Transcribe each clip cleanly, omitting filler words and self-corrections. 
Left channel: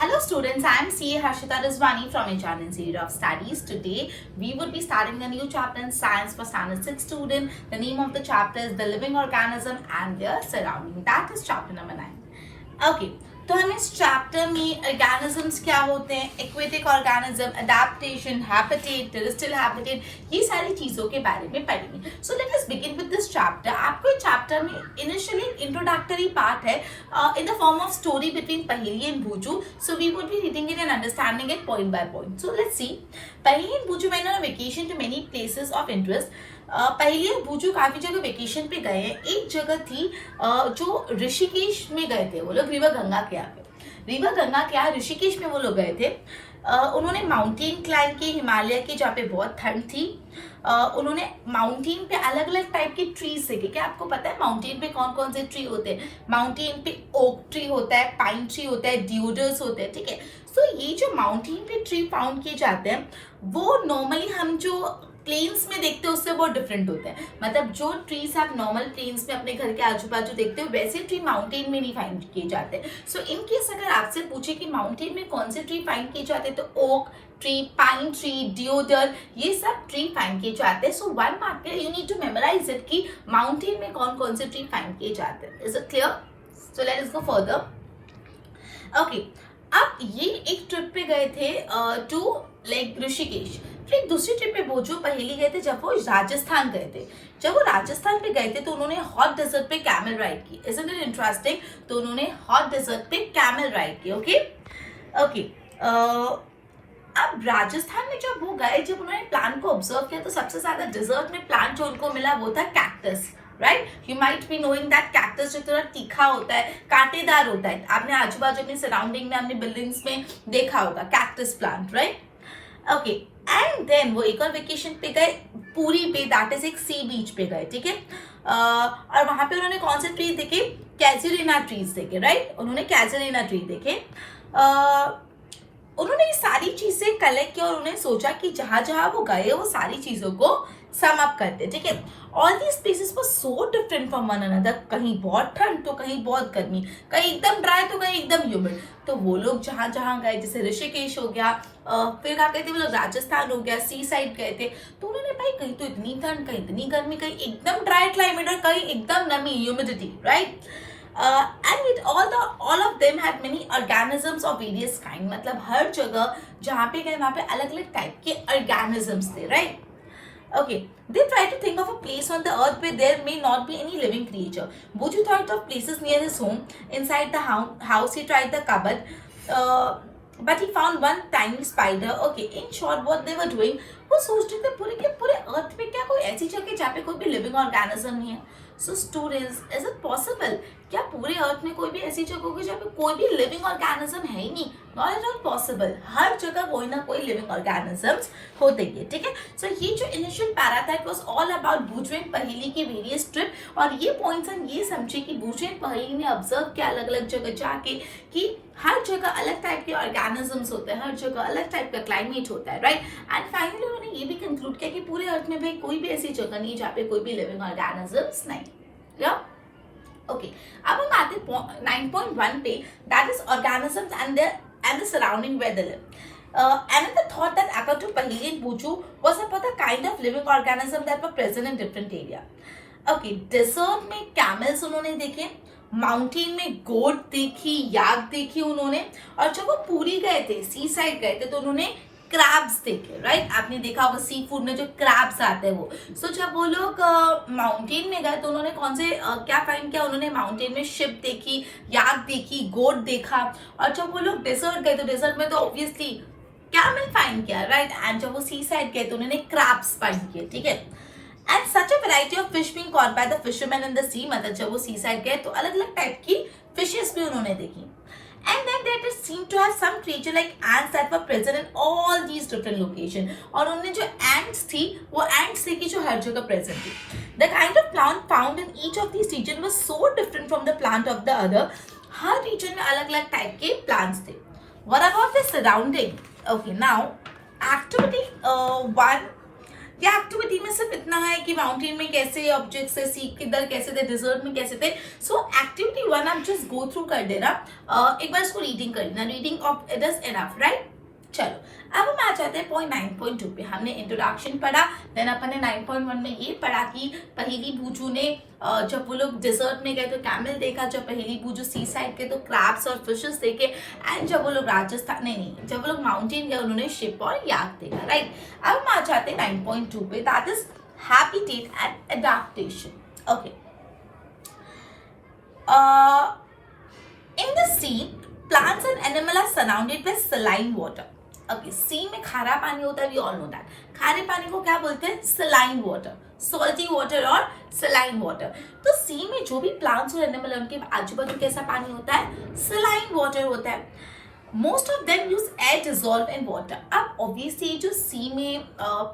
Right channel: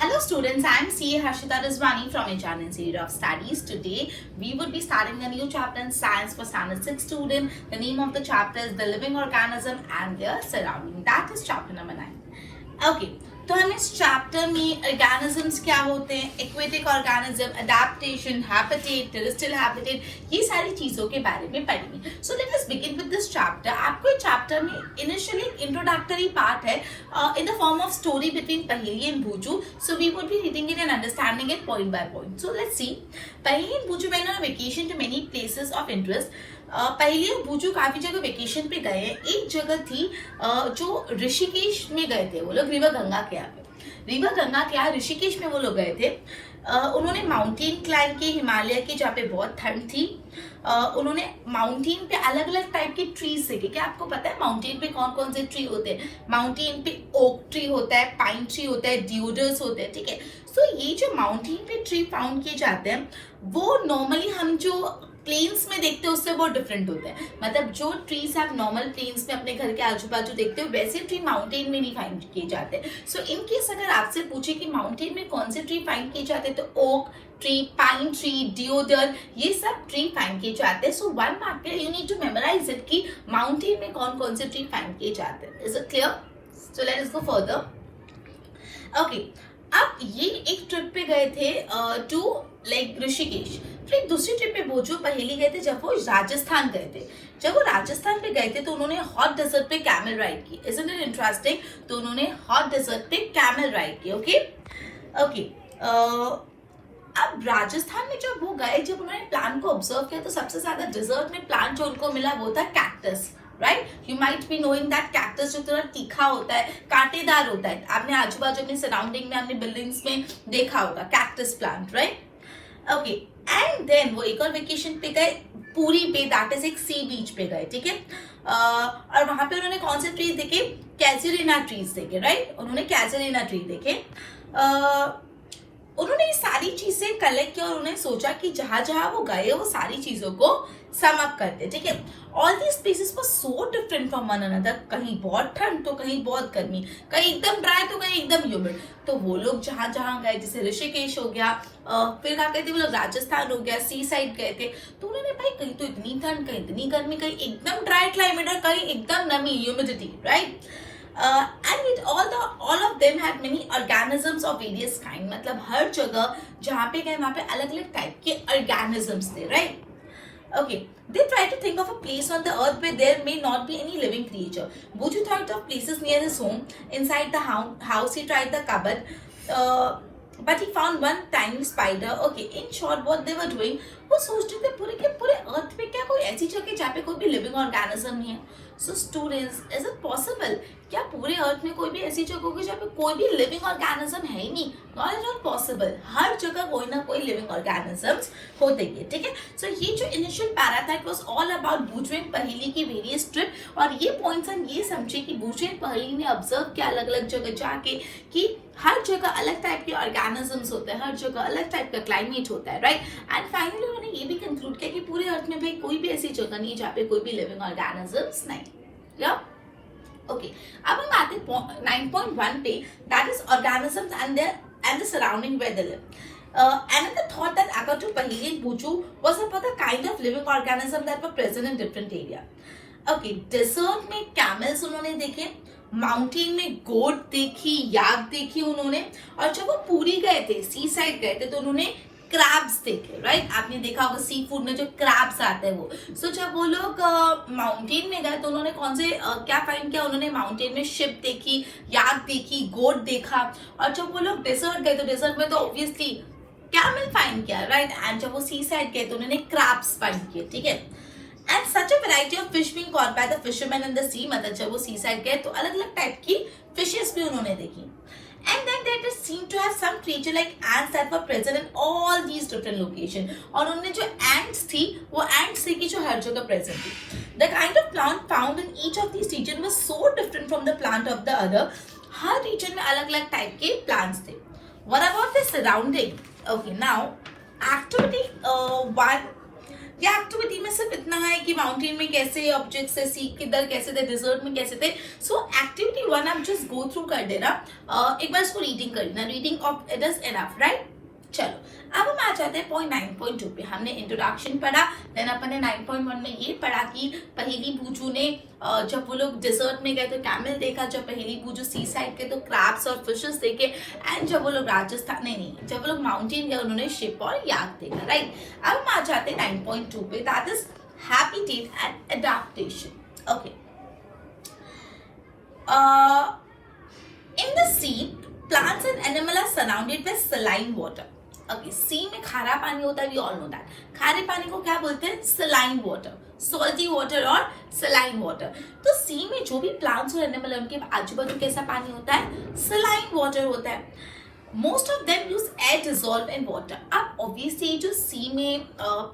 Hello students, I am CA Harshita Rizwani from HR Institute of Studies. Today we would be starting a new chapter in science for standard 6 student. The name of the chapter is the living organism and their surrounding. That is chapter number 9. Okay, तो हम इस chapter में organisms क्या होते हैं, aquatic organism, adaptation, habitat, terrestrial habitat, ये सारी चीजों के बारे में पढ़ेंगे. So let us begin with this chapter. आपको इस चैप्टर में इनिशियली इंट्रोडक्टरी पार्ट है in the form of story between Paheli and Boojho. So we would be reading it and understanding it point by point. So let's see. Paheli and Boojho went on vacation to many places of interest. पहले और भूजू काफी जगह vacation पे गए हैं. एक जगह थी जो ऋषिकेश में गए थे वो लोग, रिवर गंगा के आगे. रिवर गंगा के आगे ऋषिकेश में वो लोग गए थे. उन्होंने माउंटेन क्लाइंब की, हिमालय की, जहाँ पे बहुत ठंड थी. उन्होंने माउंटेन पे अलग अलग टाइप के ट्रीज देखे. क्या आपको पता है माउंटेन पे कौन कौन से ट्री होते हैं? माउंटेन पे ओक ट्री होता है, पाइन ट्री होता है, डिओडर्स होते हैं. ठीक है. तो ये जो माउंटेन पे ट्री फाउंड किए जाते हैं वो नॉर्मली हम जो प्लेन्स में देखते हो उससे बहुत डिफरेंट होता है. मतलब जो ट्रीज आप नॉर्मल प्लेन्स में अपने घर के आजू बाजू देखते हो वैसे ट्री माउंटेन में नहीं फाइंड किए जाते हैं. सो इन केस अगर आपसे पूछे कि माउंटेन में कौन से ट्री फाइंड किए जाते हैं तो oak tree, pine tree, deodar, ये सब ट्री फाइंड किए जाते हैं. So one marker you need to memorise it कि माउंटेन में कौन कौन से ट्री फाइंड किए जाते हैं. Is it clear? So let us go further. Okay, अब ये एक ट्रिप पे गए थे टू लाइक ऋषिकेश. फिर दूसरी ट्रिप पे भोजू पहली गए थे जब वो राजस्थान गए थे. जब वो राजस्थान पे गए थे तो उन्होंने हॉट डेजर्ट पे कैमल राइड की. Isn't it interesting? तो उन्होंने हॉट डेजर्ट पे कैमल राइड की. Okay okay. अब राजस्थान में जब वो गए, जब उन्होंने प्लांट को ऑब्जर्व किया तो सबसे ज्यादा डेजर्ट में प्लांट जो उनको मिला वो था cactus. Right, you might be knowing that cactus जो थोड़ा तीखा होता है, कांटेदार होता है. आपने आजू बाजू अपनी सराउंडिंग में, अपनी बिल्डिंग्स में देखा होगा cactus plant. Right. Okay. And then वो एक और वेकेशन पे गए पूरी पे, दैट इज एक सी बीच पे गए. ठीक है. और वहां पे उन्होंने कौन से ट्रीज देखे? कैजुलिना ट्रीज देखे. राइट, उन्होंने कैजुलिना ट्री देखे. उन्होंने ये सारी चीजें कलेक्ट की और उन्होंने सोचा कि जहां जहां वो गए वो सारी चीजों को सम अप करते. ठीक है. All these places were so different from one another. कहीं बहुत ठंड तो कहीं बहुत गर्मी, कहीं एकदम ड्राई तो कहीं एकदम ह्यूमिड. तो वो लोग जहां जहां गए, जैसे ऋषिकेश हो गया, फिर क्या कहते हैं वो लोग राजस्थान हो गया, सी साइड गए थे. तो उन्होंने भाई कहीं तो इतनी ठंड, कहीं इतनी गर्मी, कहीं एकदम ड्राई क्लाइमेट और कहीं एकदम नमी, humidity. Right. And it all of them had many organisms of various kind. मतलब हर जगह जहाँ पे गए वहाँ पे अलग अलग टाइप के organisms थे. Right. Okay, they tried to think of a place on the earth where there may not be any living creature. Bhuju thought of places near his home. Inside the house, he tried the cupboard, but he found one tiny spider. Okay, in short, what they were doing, वो सोच रहे थे पूरे के पूरे अर्थ पे क्या कोई ऐसी जगह जहाँ पे कोई भी लिविंग ऑर्गेनिज्म नहीं है. So students, is it possible? क्या पूरे अर्थ में कोई भी ऐसी जगह होगी जहाँ पे कोई भी लिविंग ऑर्गेनिज्म है ही नहीं? Not is not possible. हर जगह कोई ना कोई लिविंग ऑर्गेनिजम्स होते हैं. ठीक है. सो ये जो इनिशियल पैरा था it was all about Boojho and Paheli की वेरियस ट्रिप. और ये पॉइंट्स हम ये समझे कि भूजू एंड पहेली ने ऑब्जर्व किया अलग अलग जगह जाके कि हर जगह अलग टाइप के ऑर्गेनिजम्स होते हैं, हर जगह अलग टाइप का क्लाइमेट होता है. राइट. एंड फाइनली उन्होंने ये भी कंक्लूड किया कि पूरे अर्थ में भाई कोई भी ऐसी जगह नहीं जहाँ पे कोई भी लिविंग ऑर्गेनिजम्स नहीं. ओके. अब हम आते 9.1 पे, that is organisms and the surrounding where they live. Another thought that occurred to Paheli and Bhuju was about the kind of living organism that were present in different area. Okay, desert में camels उन्होंने देखे, mountain में गोट देखी, याक देखी उन्होंने. और जब वो पूरी गए थे, सी साइड गए थे, तो उन्होंने क्रैब्स देखे. राइट. आपने देखा होगा सी फूड में जो क्रैब्स आते हैं वो. सो जब वो लोग माउंटेन में गए तो उन्होंने कौन से क्या फाइंड किया? उन्होंने माउंटेन में शिप देखी, याक देखी, गोट देखा. और जब वो लोग डेजर्ट गए तो डेजर्ट में तो ऑब्वियसली कैमल फाइंड किया. राइट. एंड जब वो सी साइड गए तो उन्होंने क्रैब्स फाइंड किए. ठीक है. And such a variety of fish being caught by the fisherman in the sea. मतलब जब वो सी साइड गए तो अलग अलग टाइप की फिशेस भी उन्होंने देखी. And then they seem to have some creature like ants that were present in all these different locations. और उनमें जो ants थी वो ants थी कि जो हर जगह present थी. The kind of plant found in each of these regions was so different from the plant of the other. Her region में अलग अलग type के plants थे. What about the surrounding? Okay, now activity 1. ये activity में सिर्फ इतना है कि माउंटेन में कैसे ऑब्जेक्ट्स है, सी किधर कैसे थे, डिजर्ट में कैसे थे. सो एक्टिविटी 1 आप जस्ट गो थ्रू कर देना. एक बार इसको रीडिंग कर देना. Reading of it is enough, right. चलो अब हम आ जाते हैं पॉइंट 9.2 पे. हमने इंट्रोडक्शन पढ़ा, देन अपन ने 9.1 में ये पढ़ा कि पहेली बूझू ने जब वो लोग डिजर्ट में गए तो कैमल देखा, जब पहेली बूझू सी साइड के तो क्रैब्स और फिशेस देखे, एंड जब वो लोग राजस्थान नहीं जब वो लोग माउंटेन गए उन्होंने शिप और याक देखा, राइट. अब हम आ जाते हैं 9.2 पे, that is habitat and adaptation. Okay. In the sea, plants and animals are surrounded by saline water. Okay, sea में खारा पानी होता है, we all know that. खारे पानी को क्या बोलते हैं? Saline water. Salty water और saline water. तो sea में जो भी plants और animals हैं उनके आजू बाजू कैसा पानी होता है? Saline water होता है. Most of them use air dissolved in water. अब obviously जो सी में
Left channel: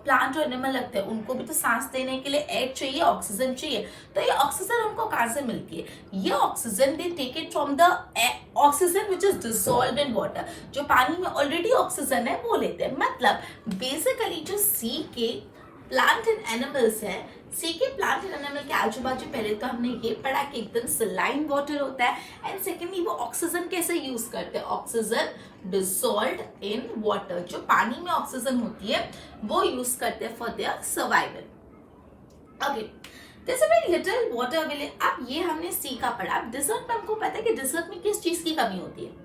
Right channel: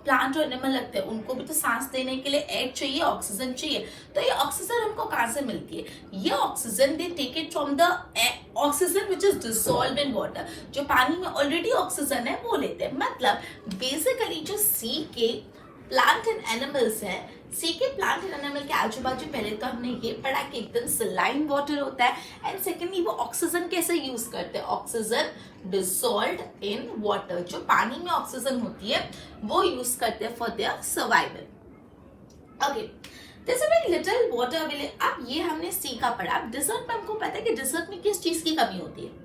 प्लांट और एनिमल लगते हैं उनको भी तो सांस देने के लिए एयर चाहिए, ऑक्सीजन चाहिए. तो ये ऑक्सीजन उनको कहाँ से मिलती है? ये oxygen they take it from the oxygen which is dissolved in water. जो पानी में ऑलरेडी ऑक्सीजन है वो लेते हैं. मतलब बेसिकली जो सी के प्लांट एंड एनिमल्स है, सी के प्लांट एंड एनिमल के आजू बाजू पहले तो हमने ये पढ़ा कि एकदम सलाइन वाटर होता है, एंड सेकेंडली वो ऑक्सीजन कैसे यूज करते हैं? Oxygen dissolved in water. जो पानी में ऑक्सीजन होती है वो यूज करते हैं for their survival. Okay, there is a very little water available. अब ये हमने सी का पढ़ा. अब डिजर्ट में हमको पता है कि डिजर्ट में किस चीज की कमी होती है.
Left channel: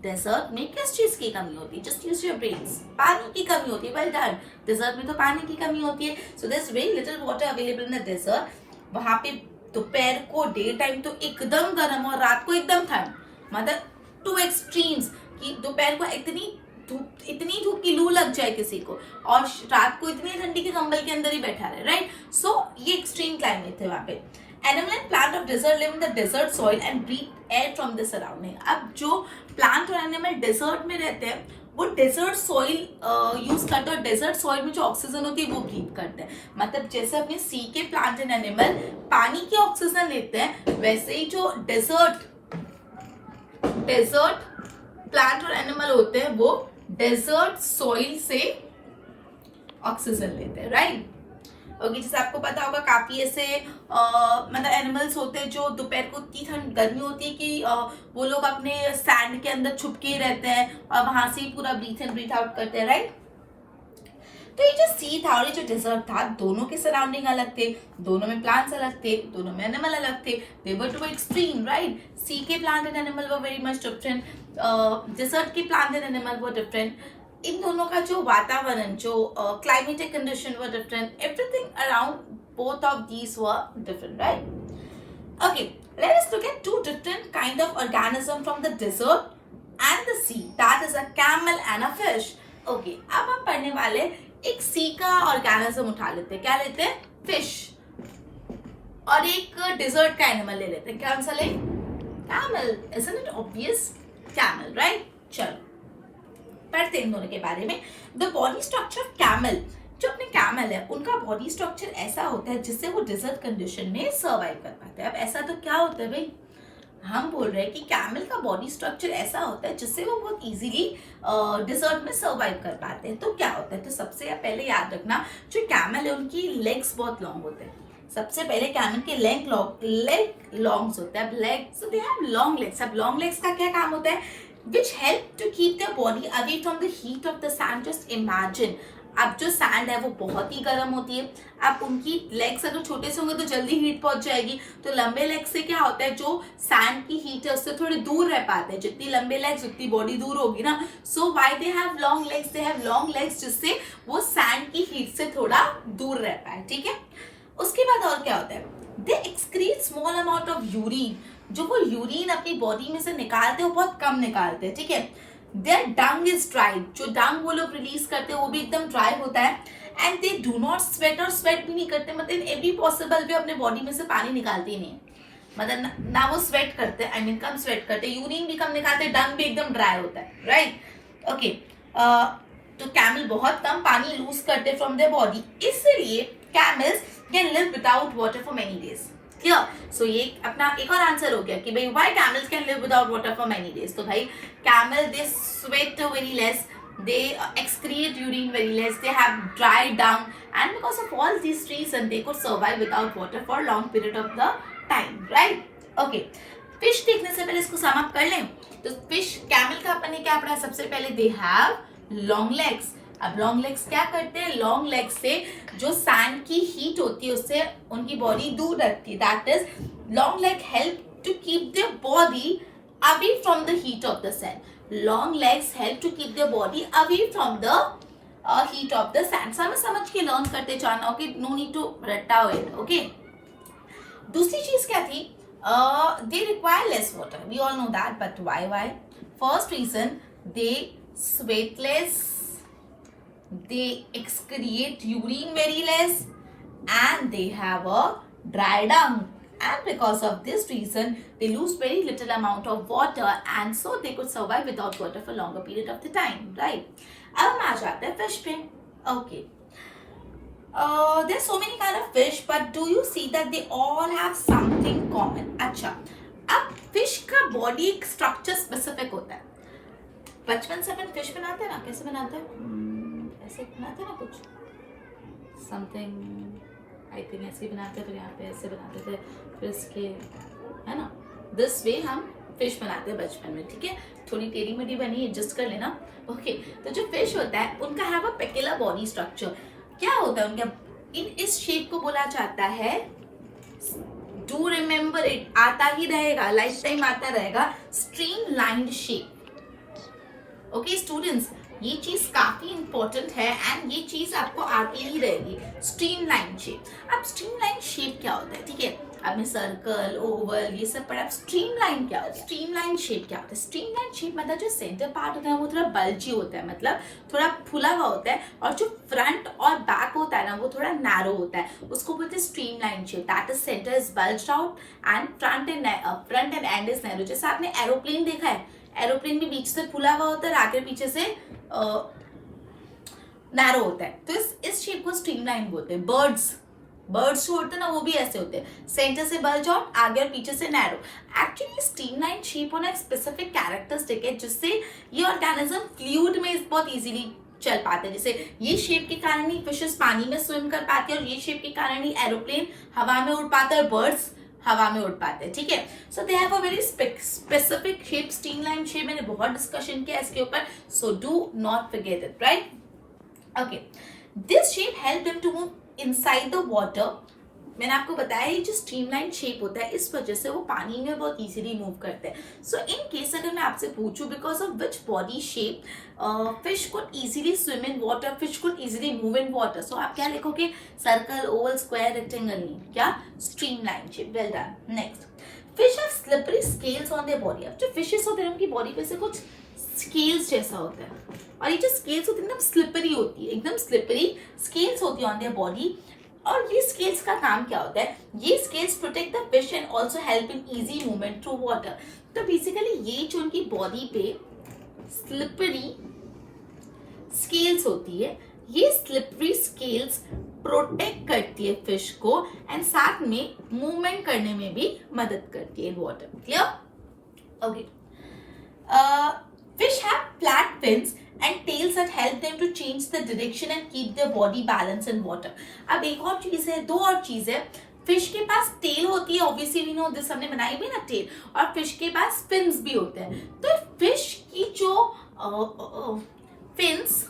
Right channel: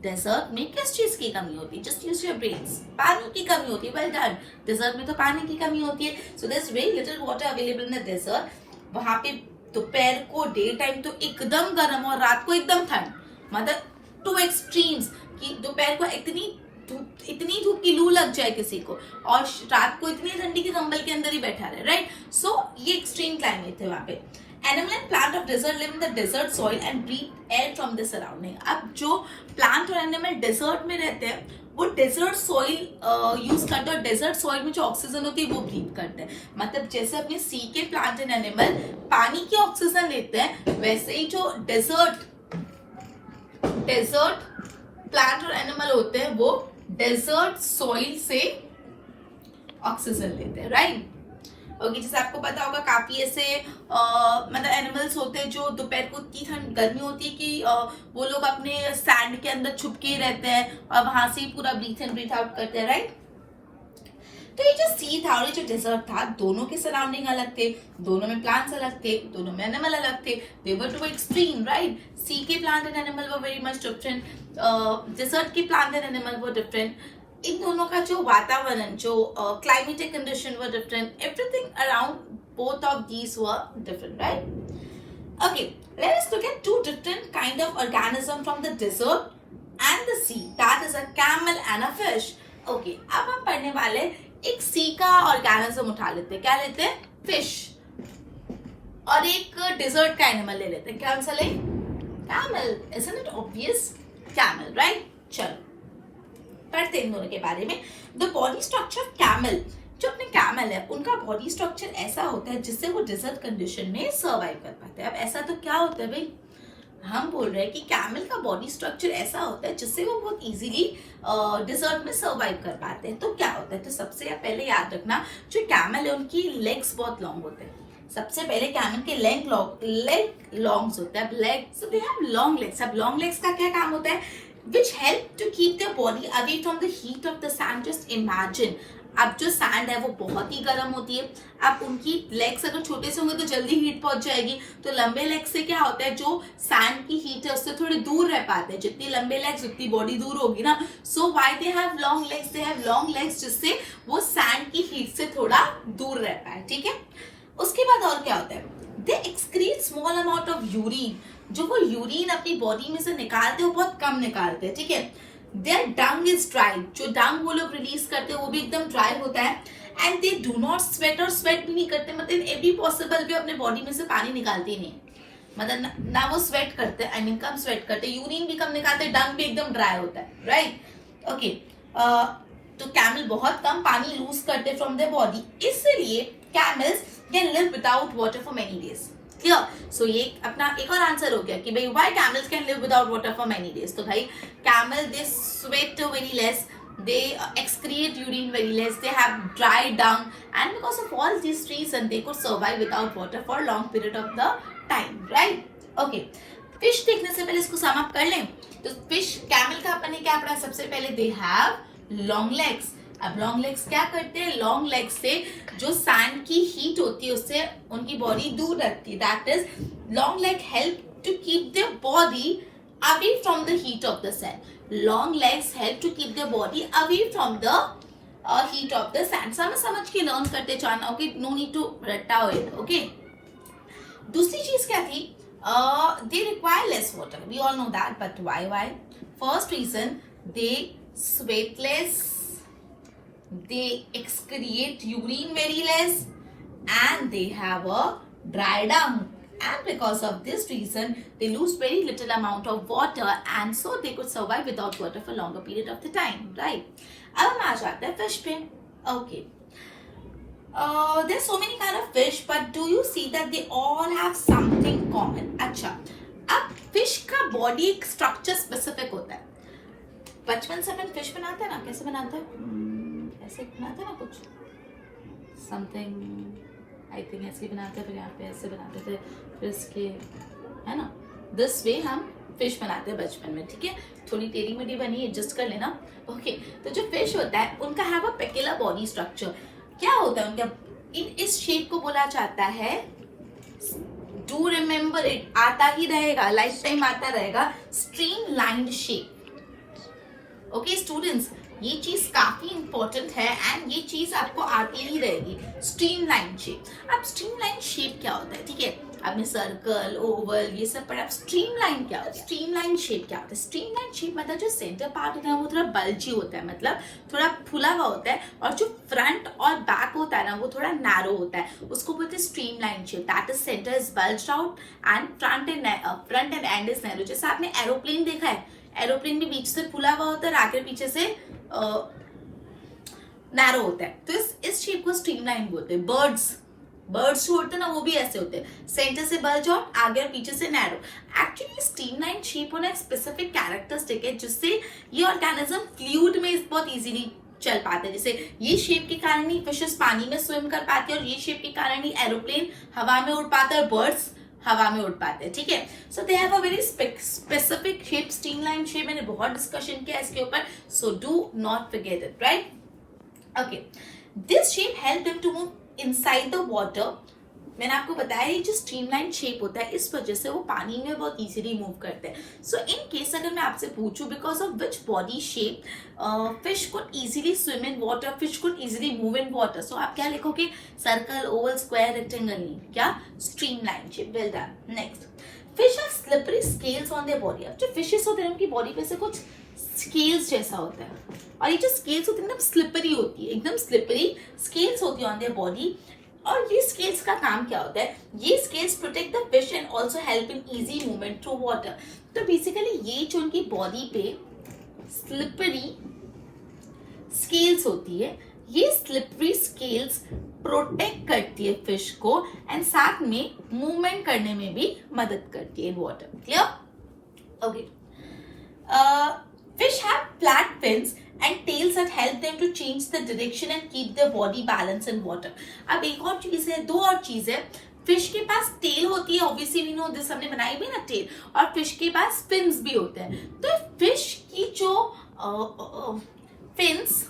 डेजर्ट में किस चीज की कमी होती है? Just use your brains. पानी की कमी होती है. Well done. डेजर्ट में तो पानी की कमी होती है. So there is very little water available in the desert. वहां पे दोपहर को डे टाइम तो एकदम गर्म और रात को एकदम ठंड. मतलब टू एक्सट्रीम्स कि दोपहर को इतनी धूप की लू लग जाए किसी को और रात को इतनी ठंडी के कंबल के अंदर ही बैठा रहे, राइट. सो ये एक्सट्रीम क्लाइमेट है वहां पे. Animal and plant of desert live in the desert soil and breathe air from the surrounding. अब जो प्लांट और एनिमल डेजर्ट में रहते हैं वो डेजर्ट सॉइल यूज करते हैं, और डेजर्ट सॉइल में जो ऑक्सीजन होती है वो ब्रीथ करते हैं. मतलब जैसे अपने सी के प्लांट एंड एनिमल पानी की ऑक्सीजन लेते हैं, वैसे ही जो डेजर्ट प्लांट और एनिमल होते हैं वो डेजर्ट सॉइल से ऑक्सीजन लेते हैं, राइट. ओके, जैसे आपको पता होगा काफी ऐसे मतलब एनिमल्स होते हैं जो दोपहर को इतनी ठंड गर्मी होती है कि वो लोग अपने सैंड के अंदर छुपके रहते हैं और वहां से पूरा ब्रीथ इन ब्रीथ आउट करते हैं, राइट. तो ये जो सी था और ये जो डेजर्ट था, दोनों के सराउंडिंग अलग थे, दोनों में प्लांट्स अलग थे, दोनों में एनिमल अलग थे. They were too extreme, right. Sea के plant and animal were very much different. Desert के plant and animal were different. इन दोनों का जो वातावरण, जो climatic condition were different. Everything around both of these were different, right. Okay, let us look at two different kind of organism from the desert and the sea. That is a camel and a fish. Okay, अब हम पढ़ने वाले एक सी का organism उठा लेते हैं. क्या लेते हैं? फिश. और एक डेजर्ट का एनिमल ले लेते हैं. कौन सा ले? Camel. Isn't it obvious? Camel, right. चलो पढ़ते हैं इन दोनों के बारे में. The body structure of camel. जो अपने कैमल है उनका बॉडी स्ट्रक्चर ऐसा होता है जिससे वो डिजर्ट कंडीशन में सर्वाइव कर पाते हैं. अब ऐसा तो क्या होता है भाई? हम बोल रहे हैं कि कैमल का बॉडी स्ट्रक्चर ऐसा होता है जिससे वो बहुत इजीली डिजर्ट में सर्वाइव कर पाते हैं. तो क्या होता है? तो सबसे पहले याद रखना, जो कैमल है उनकी लेग्स बहुत लॉन्ग होते हैं. सबसे पहले कैमल के लेग लॉन्ग्स होते हैं. Legs, so they have long legs. अब लॉन्ग लेग्स का क्या काम होता है? Which help to keep their body away from the heat of the sand. Just imagine, अब जो सैंड है वो बहुत ही गर्म होती है. अब उनकी लेग्स अगर छोटे से होंगे तो जल्दी हीट पहुंच जाएगी. तो लंबे लेग्स से क्या होता है? जो सैंड की हीट है उससे थोड़े दूर रह पाते हैं. जितनी लंबे लेग्स उतनी बॉडी दूर होगी ना. So why they have long legs? They have long legs जिससे वो सैंड की हीट से थोड़ा दूर रह पाए, ठीक है. उसके बाद और क्या होता है? दे excrete small amount of urine. जो वो यूरिन अपनी बॉडी में से निकालते हैं वो बहुत कम निकालते हैं, ठीक है. Their dung is dry. जो डंग वो लोग रिलीज करते हैं वो भी एकदम ड्राई होता है. And they do not sweat. और स्वेट भी नहीं करते. मतलब एवरी पॉसिबल भी अपने बॉडी में से पानी निकालते ही नहीं. मतलब ना वो स्वेट करते, आई मीन कम स्वेट करते, यूरिन भी कम निकालते, डंग भी एकदम ड्राई होता है, राइट. ओके, तो कैमल बहुत कम पानी लूज करते फ्रॉम देयर बॉडी. इसलिए camels can live without water for many days. Clear? So ये अपना एक और आंसर हो गया कि भाई why camels can live without water for many days. तो भाई camel they sweat very less, they excrete urine very less, they have dry dung, and because of all these reasons they could survive without water for long period of the time, right? Okay, fish देखने से पहले इसको sum up कर लें। तो fish camel का अपन ने क्या पढ़ा? सबसे पहले दे हैव लॉन्ग लेग्स। अब लॉन्ग लेग्स क्या करते हैं? लॉन्ग लेग्स से जो सैंड की हीट होती है उससे उनकी बॉडी दूर रखती है। That is long leg help to keep their body away from the heat of the sand. Long legs help to keep their body away from the heat of the sand. समझ के learn करते जाना, okay? No need to रट्टा इट, okay? दूसरी चीज क्या थी? They require less water. We all know that, but why? First reason, they sweat less, they excrete urine very less, and they have a dry dung. And because of this reason, they lose very little amount of water, and so they could survive without water for longer period of the time, right? अब हम आ जाते हैं fish पे. Okay. There's so many kind of fish, but do you see that they all have something common? अच्छा, अब fish का body structure specific होता है। बचपन से अपन fish बनाते हैं ना, कैसे बनाते हैं? ऐसे बनाते हैं ना कुछ, something, I think ऐसे बनाते हैं, फिर यहाँ पे ऐसे बनाते थे, फिर इसके, है ना? This way हम fish बनाते हैं बचपन में, ठीक है? थोड़ी टेढ़ी मेढ़ी बनी, एडजस्ट कर लेना, ओके? तो जो fish होता है, उनका have a peculiar body structure। क्या होता है उनका? इस शेप को बोला जाता है, डू रिमेम्बर इट, आता ही रहेगा, लाइफ टाइम आता रहेगा, स्ट्रीमलाइंड शेप। ओके स्टूडेंट्स, ये चीज काफी इंपॉर्टेंट है एंड ये चीज आपको आती ही रहेगी, स्ट्रीमलाइन शेप। अब स्ट्रीमलाइन शेप क्या होता है? ठीक है, आपने सर्कल, ओवल ये सब पढ़ा। स्ट्रीमलाइन क्या होता है? स्ट्रीमलाइन शेप क्या होता है? स्ट्रीमलाइन शेप मतलब जो सेंटर पार्ट होता है वो थोड़ा बल्जी होता है, मतलब थोड़ा फुला हुआ होता है, और जो फ्रंट और बैक होता है ना वो थोड़ा नैरो होता है, उसको बोलते हैं streamline shape. That is centre is bulged out and front end and is narrow. जैसे आपने एरोप्लेन देखा है, एरोप्लेन भी बीच से फुला हुआ होता है, आगे पीछे से नैरो होता है, तो इस शेप को स्ट्रीमलाइन बोलते हैं। बर्ड्स जो होते हैं ना वो भी ऐसे होते हैं, सेंटर से बल्ज आउट, आगे और पीछे से नैरो। एक्चुअली स्ट्रीमलाइन शेप होना एक स्पेसिफिक कैरेक्टरिस्टिक है जिससे ये ऑर्गेनिज्म फ्लूइड में बहुत इजीली चल पाते हैं। जैसे ये शेप के कारण ही फिशेस पानी में स्विम कर पाते हैं, और ये शेप के कारण ही एरोप्लेन हवा में उड़ पाता है, बर्ड्स हवा में उड़ पाते हैं, ठीक है? So they have a very specific shape, streamline shape. मैंने बहुत डिस्कशन किया इसके ऊपर, so do not forget it, right? Okay, this shape help them to move inside the water. मैंने आपको बताया ये जो स्ट्रीमलाइन शेप होता है इस वजह से वो पानी में बहुत इजीली मूव करते हैं। सो इन केस अगर मैं आपसे पूछूं because of which body shape fish could easily swim in water, fish could easily move in water, so आप क्या लिखोगे? सर्कल, ओवल, स्क्वायर, रेक्टेंगल, नहीं, क्या? Streamline shape. Well done. Next, fish have slippery scales on their body. अब जो fishes होते हैं उनकी बॉडी पे से कुछ स्केल्स जैसा होता है, और ये जो स्केल्स होती है एकदम स्लिपरी होती है, एकदम स्लिपरी स्केल्स होती है ऑन देयर बॉडी। और ये स्केल्स का काम क्या होता है? ये scales protect the fish and also help in easy movement through water. तो बेसिकली ये जो उनकी बॉडी पे स्लिपरी स्केल्स होती है, ये स्लिपरी स्केल्स प्रोटेक्ट करती है फिश को एंड साथ में मूवमेंट करने में भी मदद करती है water. Clear? Okay, fish have flat fins and tails that help them to change the direction and keep their body balanced in water. अब एक और चीज है, दो और चीज है। फिश के पास टेल होती है, ऑब्वियसली वी नो दिस, हमने बनाई भी ना टेल, और फिश के पास फिन्स भी होते हैं। तो फिश की जो फिन्स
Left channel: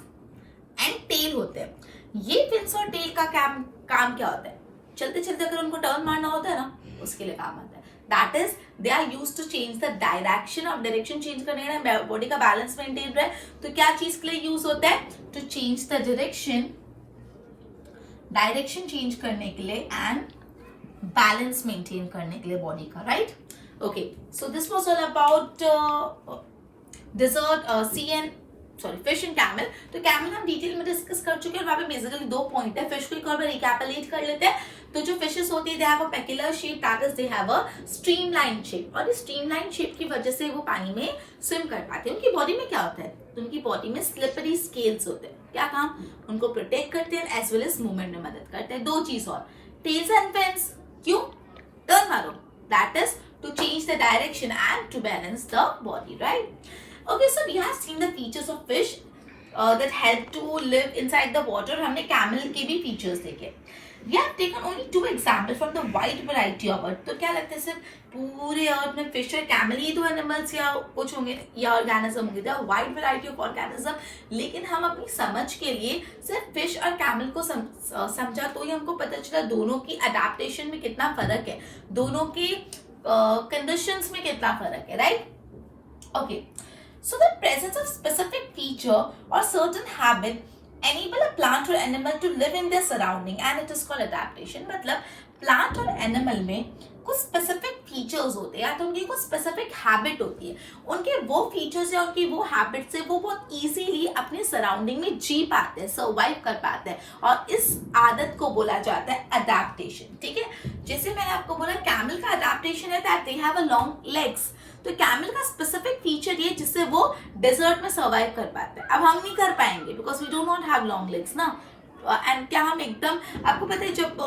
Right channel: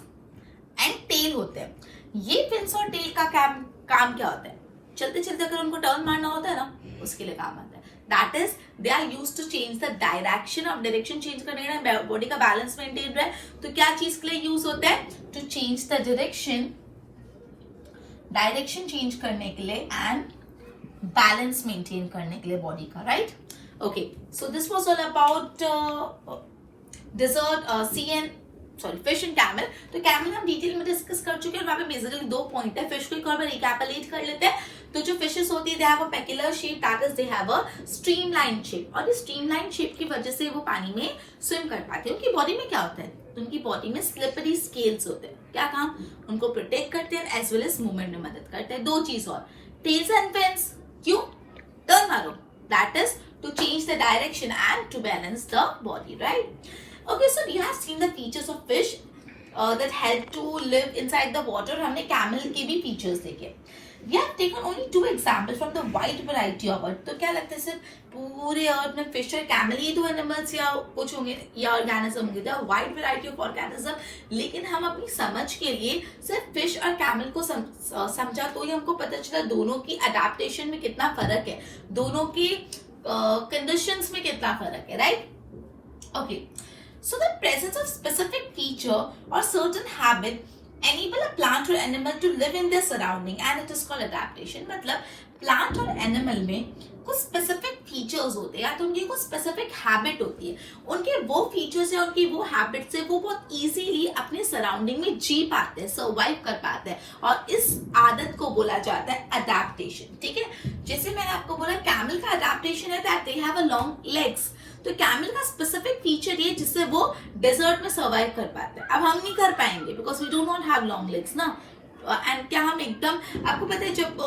एंड टेल होते हैं, ये फिन्स और टेल का काम क्या होता है? चलते चलते अगर उनको टर्न मारना होता है ना, उसके लिए काम आता है। That is, they are used to change the direction of direction change करने के लिए, बॉडी का बैलेंस मेंटेन रहे, तो क्या चीज के लिए यूज होता है? To change the direction change करने के लिए एंड बैलेंस मेंटेन करने के लिए बॉडी का, right? Okay, so this was all about fish and camel. तो कैमल हम डिटेल में डिस्कस कर चुके हैं, वहां पे बेसिकली दो पॉइंट है। फिश को एक और बार रिकैपिटुलेट कर लेते हैं। तो जो फिशेस होती है, they have a peculiar shape, that is they have a streamline shape, और इस स्ट्रीमलाइन शेप की वजह से वो पानी में स्विम कर पाते हैं। उनकी बॉडी में क्या होता है? तो उनकी बॉडी में स्लिपरी स्केल्स होते हैं। क्या काम? उनको प्रोटेक्ट करते हैं एज वेल एज मूवमेंट में मदद करते हैं। दो चीज और, टेल्स एंड फिन्स, क्यों? टर्न मारो, that is to change the direction and to balance the body, right? Okay, so we have seen the features of fish. that help to live inside the water. हमने camel के भी features देखे. We have taken only 2 examples from the wide variety of earth. तो क्या लगता है सिर्फ पूरे अर्थ में फिश और कैमल ही तो एनिमल्स या कुछ होंगे या ऑर्गेनिज्म होंगे. The wide variety of organism. लेकिन हम अपनी समझ के लिए सिर्फ फिश और कैमल को समझा तो ही हमको पता चला दोनों की अडेप्टेशन में कितना फर्क है, दोनों के कंडीशंस में कितना फर्क है. Right. Okay. So the presence of specific feature or certain habit enable a plant or animal to live in their surrounding and it is called adaptation. मतलब प्लांट और एनिमल में कुछ स्पेसिफिक फीचर्स होते हैं या तो उनकी कुछ स्पेसिफिक हैबिट होती है. उनके वो फीचर्स या उनकी वो हैबिट से वो बहुत इजीली अपने सराउंडिंग में जी पाते हैं, सर्वाइव कर पाते हैं और इस आदत को बोला जाता है अडेप्टेशन. ठीक है. जैसे मैंने आपको बोला कैमल का अडेप्टेशन है that they have a long legs. तो कैमल का स्पेसिफिक फीचर ये जिससे वो डेजर्ट में सर्वाइव कर पाते हैं. अब हम नहीं कर पाएंगे because we do not have long legs ना. एंड क्या हम एकदम, आपको पता है जब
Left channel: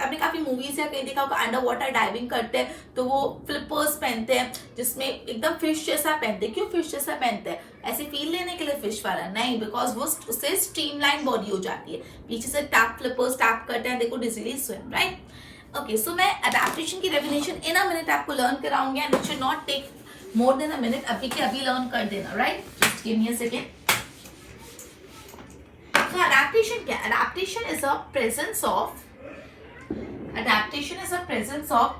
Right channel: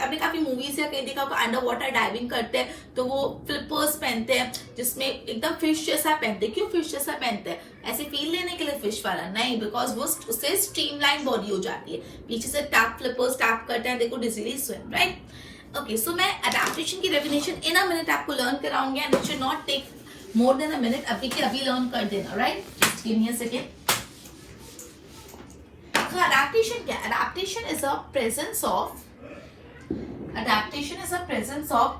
आपने काफी मूवीज या कहीं देखा होगा अंडर वाटर डाइविंग करते हैं तो वो फ्लिपर्स पहनते हैं जिसमें एकदम फिश जैसा पहनते हैं. क्यों फिश जैसा पहनते हैं? ऐसे फील लेने के लिए फिश वाला नहीं, बिकॉज वो उससे स्ट्रीमलाइन बॉडी हो जाती है. पीछे से टैप फ्लिपर्स टैप करते हैं, देखो easily swim. Right. Okay. So मैं अडेप्टेशन की डेफिनेशन इन अ मिनट आपको लर्न कराऊंगी and it should not take more than a minute. अभी के अभी लर्न कर देना. Right. Just give me a second. So adaptation क्या? Adaptation is a presence of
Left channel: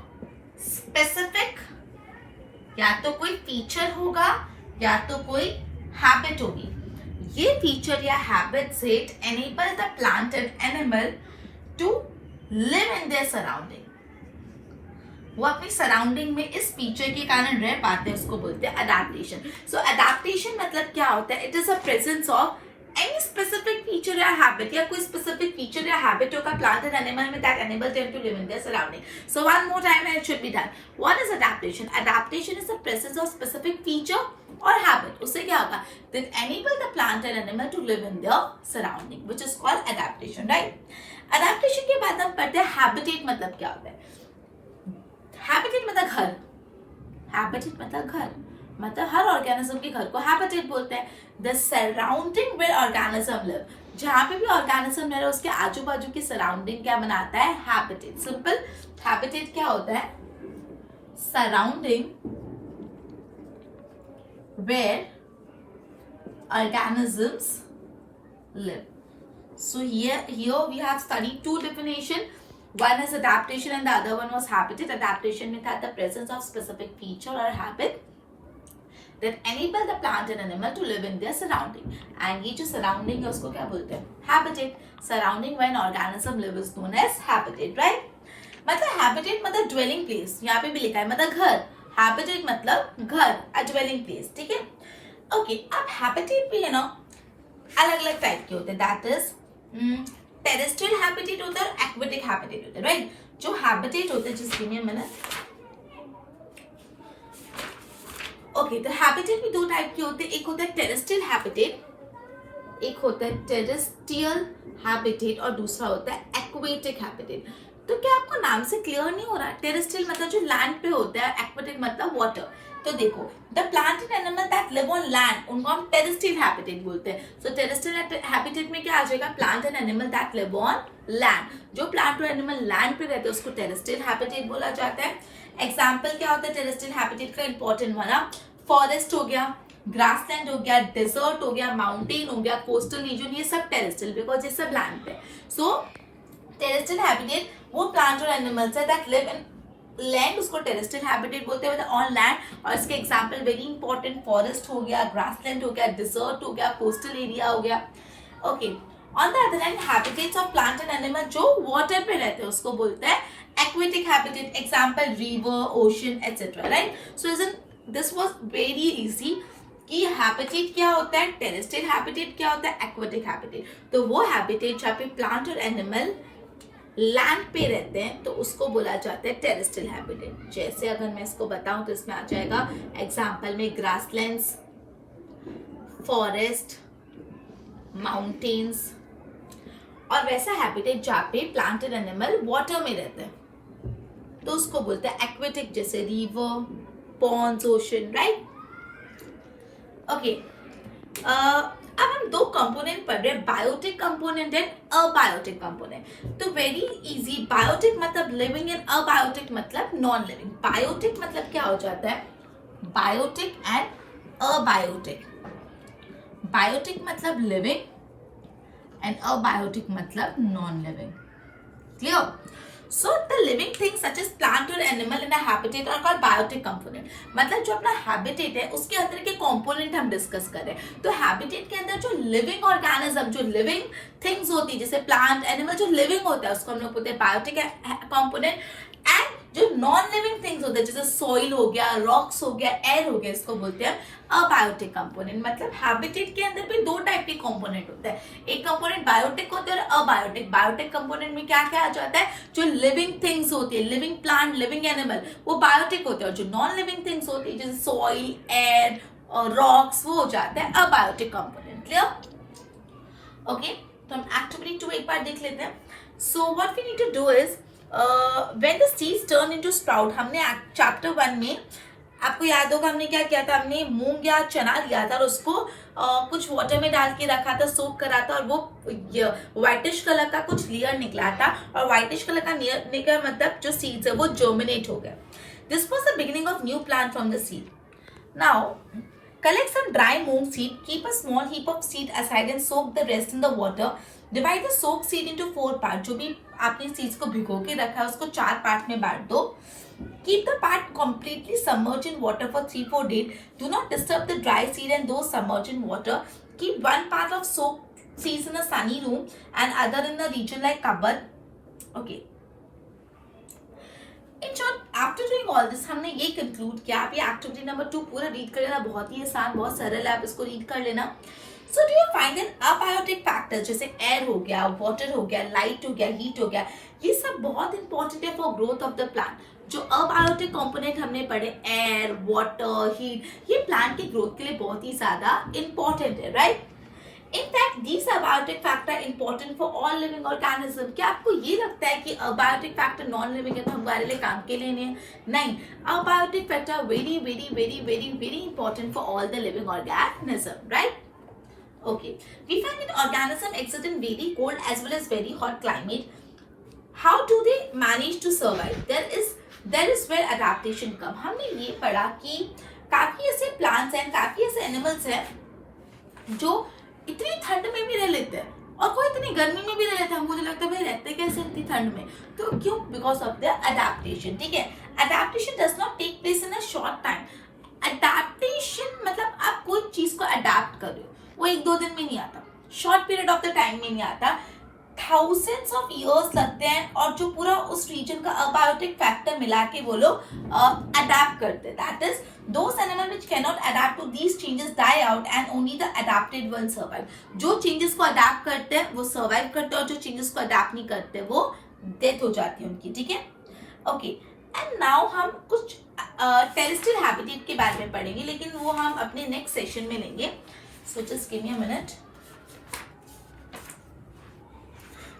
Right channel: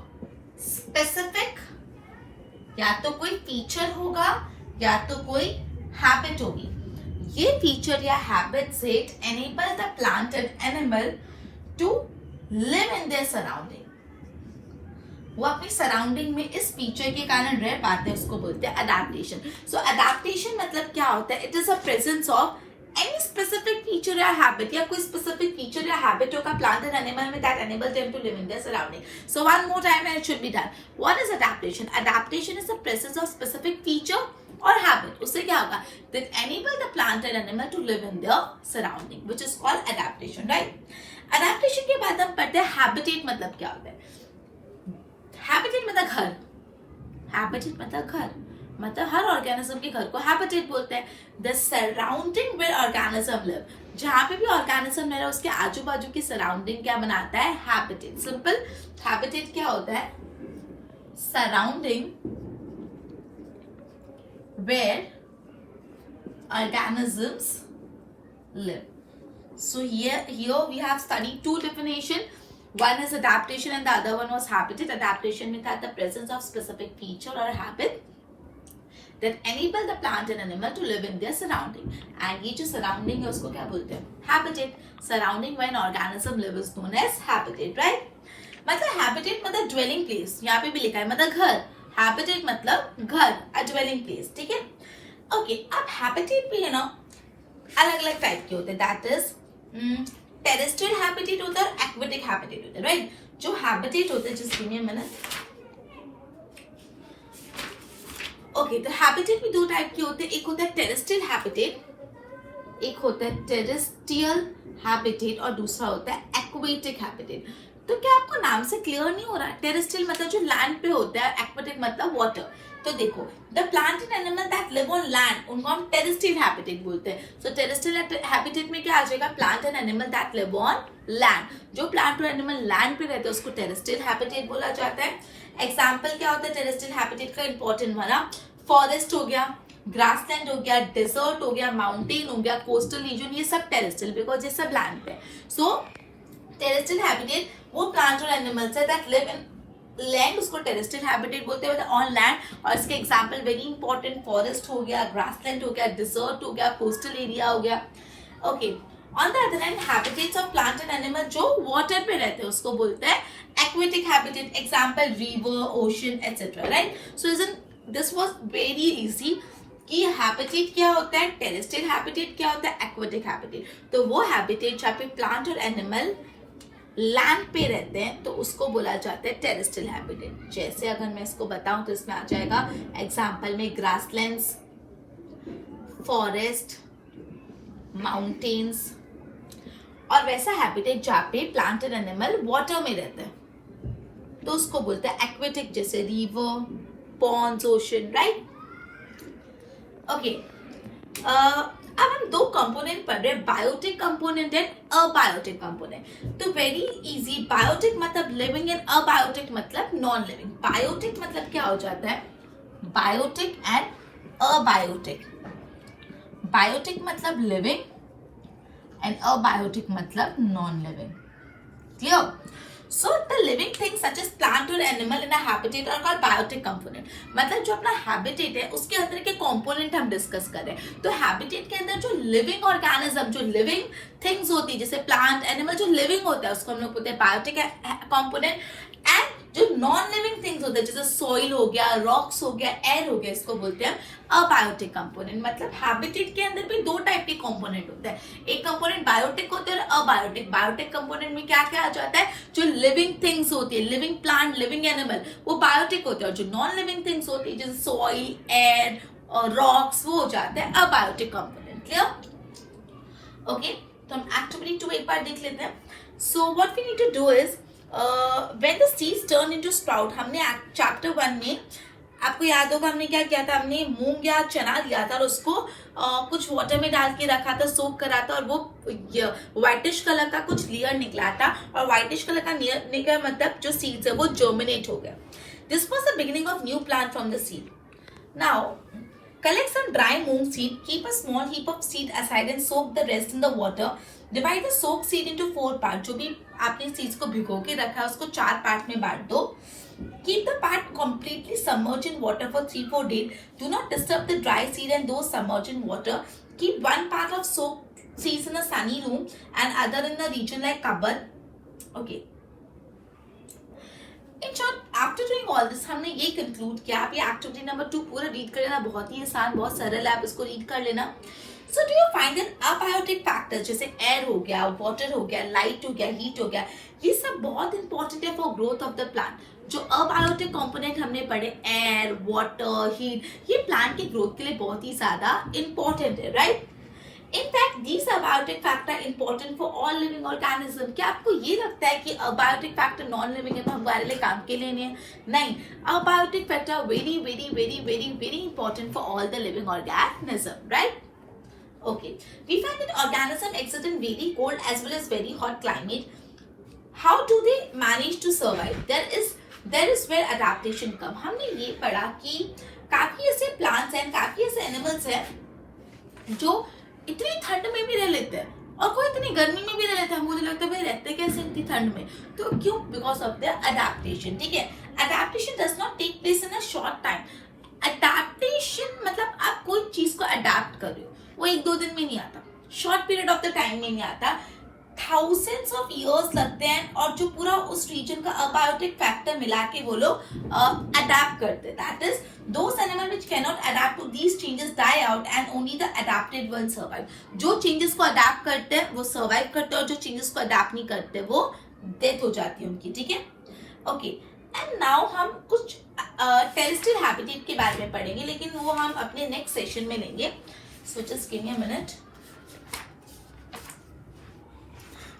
specific, या तो कोई फीचर होगा या तो कोई हैबिट होगी. ये फीचर या हैबिट से enable the plant and animal to live in their surrounding. वो अपनी सराउंडिंग में इस फीचर के कारण रह पाते हैं, उसको बोलते हैं अडेप्टेशन. सो अडेप्टेशन मतलब क्या होता है? It is a presence of any specific feature or habit या कोई specific feature या habit होगा plant and animal में that enable them to live in their surrounding. So one more time and it should be done. What is adaptation? Adaptation is the presence of specific feature or habit. उससे क्या होगा? That enable the plant and animal to live in their surrounding, which is called adaptation, right? Adaptation के बाद हम पढ़ते हैं habitat मतलब क्या होता है. Habitat मतलब घर. Habitat मतलब घर, मतलब हर ऑर्गेनिज्म के घर को हैबिटेट बोलते हैं. The surrounding where organism live. जहां पे भी ऑर्गेनिज्म रह रहा है उसके आजू बाजू की सराउंडिंग क्या बनाता है? हैबिटेट. सिंपल. हैबिटेट क्या होता है? Surrounding where organisms live. So here we have studied two definition. One is adaptation and the other one was habitat. Adaptation में था the presence of specific feature or habit that enable the plant and animal to live in their surrounding. And ये जो surrounding है उसको क्या बोलते हैं? Habitat. Surrounding where an organism lives is known as habitat, right? मतलब habitat मतलब dwelling place. यहाँ पे भी लिखा है मतलब घर. Habitat मतलब घर, a dwelling place. ठीक है? Okay. अब habitat भी है ना अलग अलग टाइप के होते हैं. That is टेरेस्ट्रियल हैबिटेट होता है और एक्वेटिक हैबिटेट होता है. राइट. जो हैबिटेट होता है जिसके लिए मैंने ओके तो हैबिटेट भी दो टाइप के होते हैं. एक होता है टेरेस्ट्रियल हैबिटेट, एक होता है टेरेस्ट्रियल हैबिटेट और दूसरा होता है एक्वेटिक हैबिटेट. तो क्या आपको नाम से क्लियर नहीं हो रहा? टेरेस्ट्रियल मतलब जो लैंड पे होता है, एक्वेटिक मतलब वाटर. तो देखो the plant and animal that live on land उनको हम टेरेस्ट्रियल हैबिटेट बोलते हैं. सो टेरेस्ट्रियल हैबिटेट में क्या आ जाएगा? Plant and animal that live on land. जो प्लांट और एनिमल लैंड पे रहते हैं उसको टेरेस्ट्रियल हैबिटेट बोला जाता है. एग्जाम्पल क्या होता है टेरेस्ट्रियल हैबिटेट का? इंपॉर्टेंट वाला फॉरेस्ट हो गया, ग्रासलैंड हो गया, डेजर्ट हो गया, माउंटेन हो गया, कोस्टल रीजन, ये सब टेरेस्ट्रियल बिकॉज ये सब लैंड पे. सो टेरेस्ट्रियल हैबिटेट वो प्लांट और एनिमल्स है दैट लिव इन लैंड, उसको टेरेस्ट्रियल हैबिटेट बोलते हैं ऑन लैंड. और इसके एग्जांपल वेरी इंपॉर्टेंट फॉरेस्ट हो गया, ग्रासलैंड हो गया, डिजर्ट हो गया, कोस्टल एरिया हो गया. Okay. On the other hand habitats of plant and animal जो वाटर पे रहते हैं उसको बोलते हैं aquatic habitat. Example river, ocean etcetera. Right. So this was very easy कि हैबिटेट क्या होता है, टेरेस्ट्रियल हैबिटेट क्या होता है, एक्वेटिक हैबिटेट. तो वो हैबिटेट जहाँ पे प्लांट और एनिमल लैंड पे रहते हैं तो उसको बोला जाता है टेरेस्ट्रियल हैबिटेट. जैसे अगर मैं इसको बताऊं तो इसमें आ जाएगा एग्जांपल में ग्रासलैंड्स, फॉरेस्ट, माउंटेन्स. और वैसा हैबिटेट जहाँ पे प्लांट एंड एनिमल वाटर में रहते हैं तो उसको बोलते हैं एक्वेटिक, जैसे river, ponds, ocean. Right. Okay. अब हम दो कंपोनेंट पढ़ रहे हैं, biotic component and abiotic component. तो वेरी इजी, बायोटिक मतलब लिविंग एंड अबायोटिक मतलब नॉन लिविंग। बायोटिक मतलब क्या हो जाता है, बायोटिक एंड अबायोटिक। बायोटिक मतलब लिविंग एंड अबायोटिक मतलब non living. Clear? So the living things such as plant or animal in a habitat are called biotic component। मतलब जो अपना habitat है उसके अंदर के component हम डिस्कस कर रहे हैं। तो habitat के अंदर जो living organism, जो living things होती है, जैसे plant, animal, जो living होता है उसको हम लोग बोलते हैं biotic component। एंड जो नॉन लिविंग थिंग्स होते हैं जैसे सॉइल हो गया, रॉक्स हो गया, एयर हो गया, इसको बोलते हैं अबायोटिक कंपोनेंट। मतलब हैबिटेट के अंदर भी दो टाइप के कंपोनेंट होते हैं, एक कंपोनेंट बायोटिक होते हैं और अबायोटिक। बायोटिक कंपोनेंट में क्या क्या आ जाता है, जो लिविंग थिंग्स होती है, लिविंग प्लांट, लिविंग एनिमल, वो बायोटिक होते हैं। और जो नॉन लिविंग थिंग्स होती है जैसे सॉइल, एयर और रॉक्स, वो हो जाते हैं अबायोटिक कंपोनेंट। क्लियर? ओके, तो हम एक्टिविटी 2 एक बार देख लेते हैं। So what we need to do is when the seeds turn into sprout, हमने चैप्टर 1 में आपको याद होगा हमने क्या किया था, हमने मूंग या चना लिया था और उसको कुछ वाटर में डाल के रखा था, सोक करा था, और वो व्हाइटिश कलर का कुछ लेयर निकला था। और व्हाइटिश कलर का निकला मतलब जो सीड्स है वो जर्मिनेट हो गए। This was the beginning of new plant from the seed. Now collect some dry moong seed, keep a small heap of seed aside and soak the rest in the water. Divide the soaked seed into 4 parts। जो भी आपने seeds को भिगो के रखा है उसको 4 part में बांट दो। Keep the part completely submerged in water for 3-4 days. Do not disturb the dry seed and those submerged in water. Keep one part of soaked seeds in a sunny room and other in a region like cupboard. Okay. In short, after doing all this, हमने ये conclude किया। आप ये activity number 2 पूरा read कर लेना, बहुत ही आसान, बहुत सरल है, आप इसको रीड कर लेना। So do you find that abiotic factors जैसे एयर हो गया, वाटर हो गया, लाइट हो गया, हीट हो गया, ये सब बहुत इंपॉर्टेंट है for growth of the plant. जो अबायोटिक कंपोनेंट हमने पढ़े, एयर, वाटर, हीट, ये प्लांट की ग्रोथ के लिए बहुत ही ज्यादा इंपॉर्टेंट है, right? In fact, these abiotic factor important for all living organism। क्या आपको ये लगता है कि abiotic factor नॉन लिविंग है तो हमारे लिए काम के लिए नहीं है? नहीं, abiotic factor very very very very very important for all the living organism, right? Okay, we find that organism exist in very cold as well as very hot climate. How do they manage to survive? There is where adaptation come। हमने ये पढ़ा कि काफी ऐसे plants हैं, काफी ऐसे animals हैं जो इतनी ठंड में भी रह लेते हैं और कोई इतनी गर्मी में भी रह लेते हैं। मुझे लगता है भाई रहते कैसे इतनी ठंड में, तो क्यों? Because of the adaptation. ठीक है, adaptation does not take place in a short time. Adaptation मतलब आप कोई चीज को अडेप्ट कर रहे हो, वो 1-2 दिन में नहीं आता, short period of the time में नहीं आता, थाउजेंड्स ऑफ इयर्स लगते हैं। और जो पूरा उस रीजन का अबायोटिक फैक्टर मिला के वो लोग अडेप्ट करते हैं। That is those animals which cannot adapt to these changes die out and only the adapted ones survive। जो चेंजेस को अडेप्ट करते हैं वो सर्वाइव करते हैं और जो चेंजेस को अडेप्ट नहीं करते वो डेथ हो जाती है उनकी। ठीक है, ओके। एंड नाउ हम कुछ टेरेस्ट्रियल हैबिटेट के बारे में पढ़ेंगे, लेकिन वो हम अपने नेक्स्ट सेशन में लेंगे। So just give me a minute.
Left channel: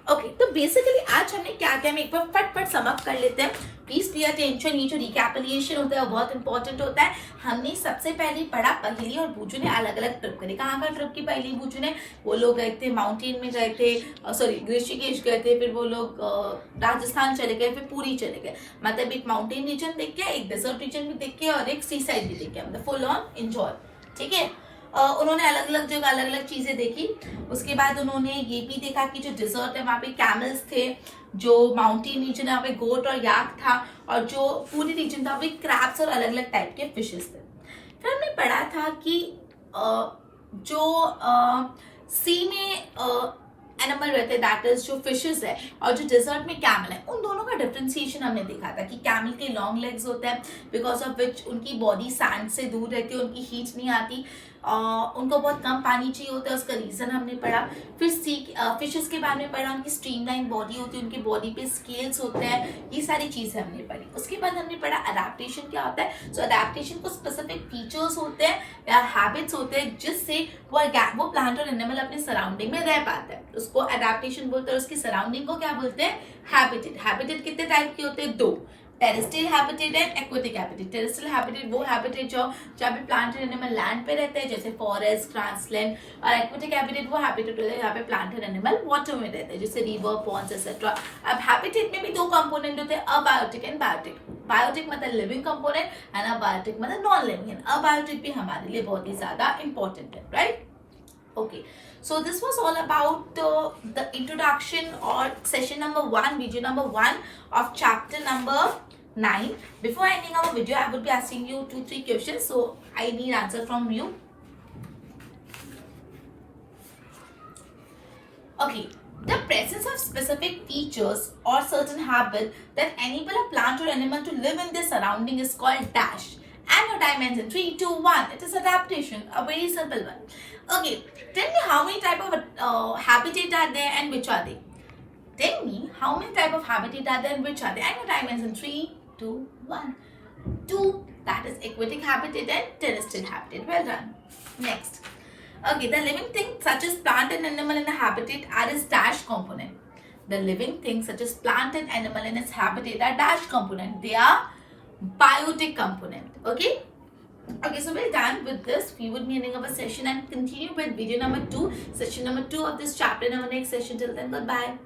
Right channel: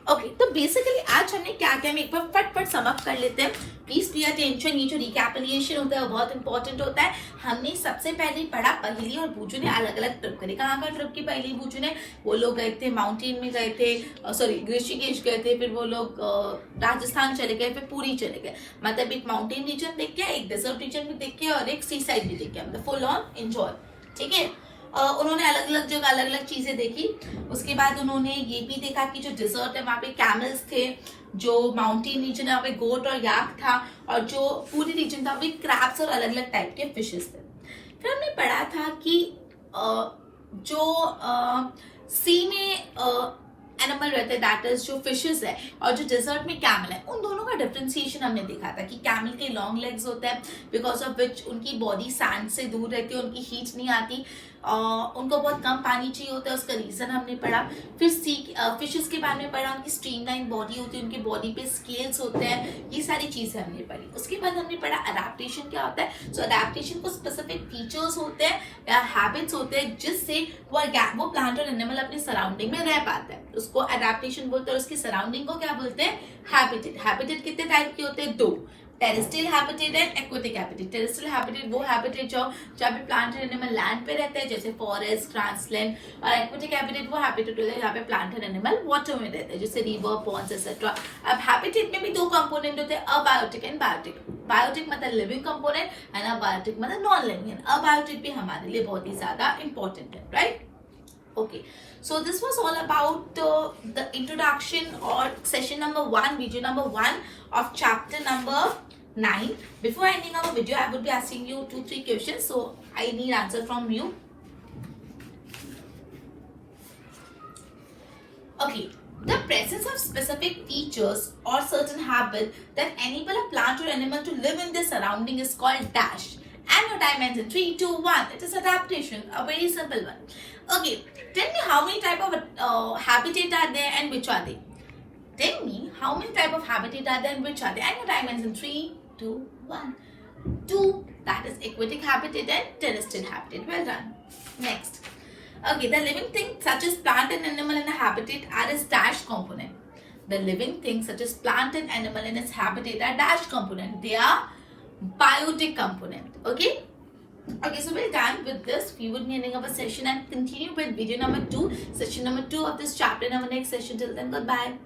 Okay, तो बेसिकली आज हमने क्या किया, हम एक बार फटफट सम अप कर लेते हैं। प्लीज पे अटेंशन, ये जो रिकैपिटुलेशन होता है बहुत इंपॉर्टेंट होता है। हमने सबसे पहले पढ़ा, पहेली और बूजू ने अलग अलग ट्रिप करे। कहाँ का ट्रिप की पहेली बूजू ने? वो लोग गए थे माउंटेन में, गए थे सॉरी ऋषिकेश गए थे, फिर वो लोग राजस्थान चले गए, फिर पुरी चले गए। मतलब एक माउंटेन रीजन देख के, एक डेजर्ट रीजन भी देख के और एक सी साइड भी देख के, मतलब फुल ऑन एंजॉय। ठीक है, उन्होंने अलग अलग जगह अलग अलग चीजें देखी। उसके बाद उन्होंने ये भी देखा कि जो डिजर्ट है वहाँ पे कैमल्स थे, जो माउंटेन रीजन है वहाँ पे गोट और याक था, और जो पूरी रीजन था वहाँ पे क्रैब्स और अलग अलग टाइप के फिशेस थे। फिर हमने पढ़ा था कि जो सी में एनिमल रहते हैं, दैट इज जो फिशेस है, और जो डेजर्ट में कैमल है, उन दोनों का डिफरेंशिएशन हमने देखा था कि कैमल के लॉन्ग लेग्स होते हैं, बिकॉज ऑफ विच उनकी बॉडी सैंड से दूर रहती है, उनकी हीट नहीं आती, उनको बहुत कम पानी चाहिए होता है, उसका रीजन हमने पढ़ा। फिर फिशेस के बारे में पढ़ा, उनकी स्ट्रीमलाइन बॉडी होती है, उनकी बॉडी पे स्केल्स होते हैं, ये सारी चीजें हमने पढ़ी। उसके बाद हमने पढ़ा अडेप्टेशन क्या होता है। सो अडेप्टेशन को स्पेसिफिक फीचर्स होते हैं या हैबिट्स होते हैं जिससे वो प्लांट और एनिमल अपने सराउंडिंग में रह पाता है, उसको अडेप्टेशन बोलते हैं। उसकी सराउंडिंग को क्या बोलते हैं? हैबिटेट। हैबिटेट कितने टाइप के होते हैं? 2। Terrestrial habitat and aquatic habitat. Terrestrial habitat वो हैबिटेट जहाँ पे प्लांट एंड एनिमल लैंड पे रहते हैं, जैसे फॉरेस्ट, ग्रासलैंड। और एक्वेटिक हैबिटेट वो हैबिटेट होता है जहाँ पे प्लांट एंड एनिमल वाटर में रहते हैं, जैसे रिवर, पॉन्ड्स एक्सेट्रा। अब हैबिटेट में भी दो कंपोनेंट होते हैं, अबायोटिक एंड बायोटिक। बायोटिक मतलब लिविंग कंपोनेंट एंड अबायोटिक मतलब नॉन लिविंग। अबायोटिक भी हमारे लिए बहुत ही ज्यादा इंपॉर्टेंट है, right? Okay, so this was all about the introduction or session number 1, video number 1 of chapter number 9. Before ending our video, I would be asking you 2-3 questions, so I need answer from you. Okay, the presence of specific features or certain habit that enable a plant or animal to live in their surrounding is called dash. And your time ends in 3, 2, 1. It is adaptation, a very simple one. Okay, tell me how many type of habitat are there and which are they? Tell me how many type of habitat are there and which are they? And your time ends in 3, 2, 1. 2, that is aquatic habitat and terrestrial habitat. Well done. Next. Okay, the living things such as plant and animal in a habitat are its dash component. The living things such as plant and animal in its habitat are dash component. They are biotic component. Okay? Okay, so we're done with this. We would be ending our session and continue with video number 2, session number 2 of this chapter in our next session. Till then, goodbye.